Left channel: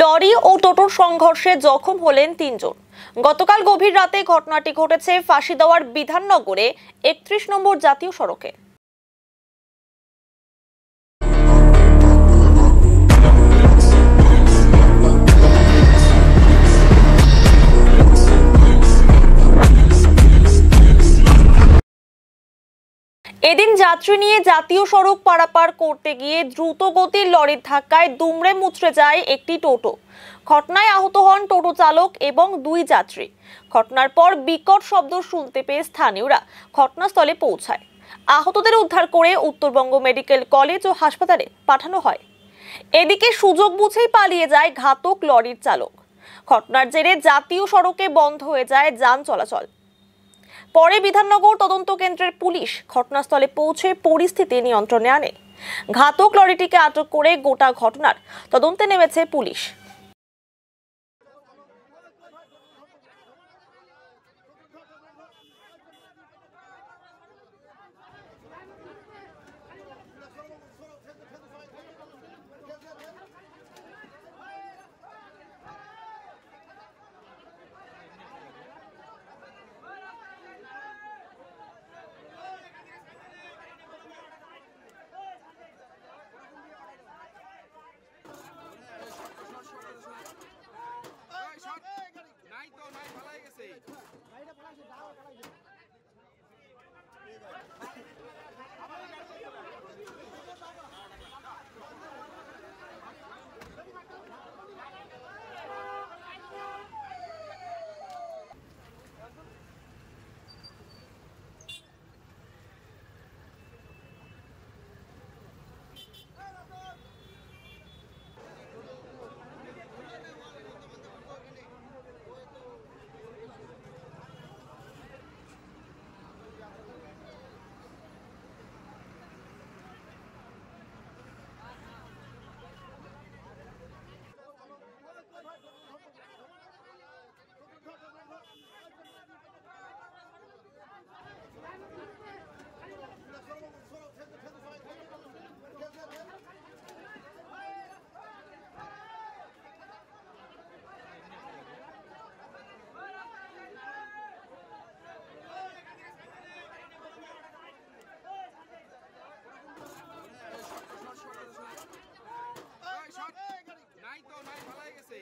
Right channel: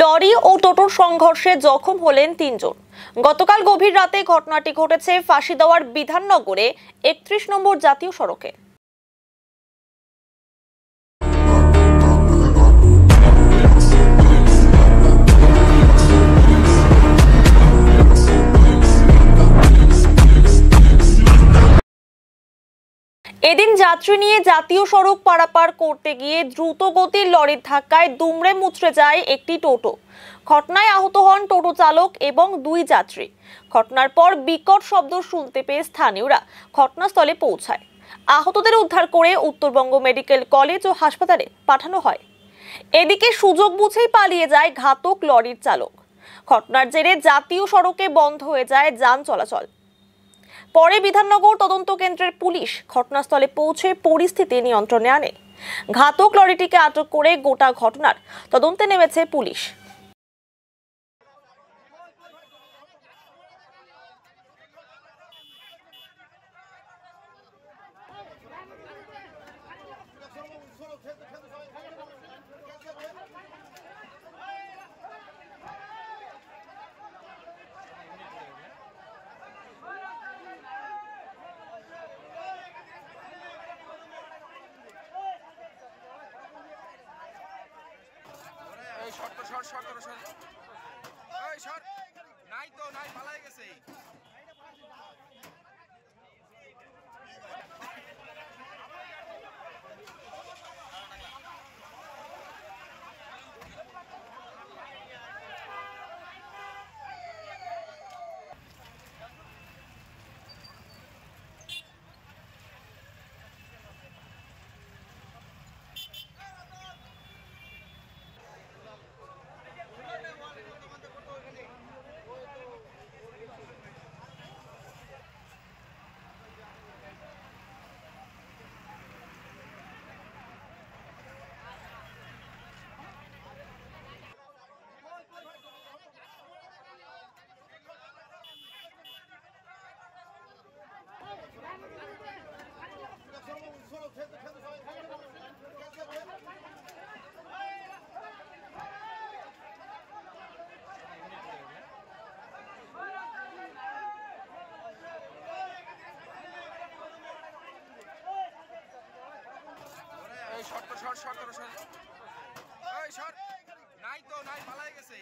Lorry ও টোটোর সংঘর্ষে জখম হলেন ৩ জন। গতকাল গভীর রাতে ঘটনাটি ঘটেছে ফাঁসিদেওয়ার বিধাননগরে ৩১ নম্বর জাতীয় সড়কে। এদিন যাত্রী নিয়ে জাতীয় সড়ক পারাপার করতে গিয়ে দ্রুত গতির লরির ধাক্কায় দুমড়ে মুচড়ে যায় একটি টোটো। ঘটনায় আহত হন টোটো চালক এবং ২ যাত্রী। ঘটনার পর বিকট শব্দ শুনতে পেয়ে স্থানীয়রা ঘটনাস্থলে পৌঁছায়। আহতদের উদ্ধার করে উত্তরবঙ্গ মেডিকেল কলেজ ও হাসপাতালে পাঠানো হয়। এদিকে সুযোগ বুঝেই পালিয়ে যায় ঘাতক লরির চালক। ঘটনার জেরে জাতীয় সড়কে বন্ধ হয়ে যায় যান চলাচল। পরে বিধাননগর তদন্ত কেন্দ্রের পুলিশ ঘটনাস্থলে পৌঁছে পরিস্থিতি নিয়ন্ত্রণে আনে। ঘাতক লরিটিকে আটক করে গোটা ঘটনার তদন্তে নেমেছে পুলিশ। নাই তো নাই পালাই গেছে। নাই তো নাই পালাই গেছে।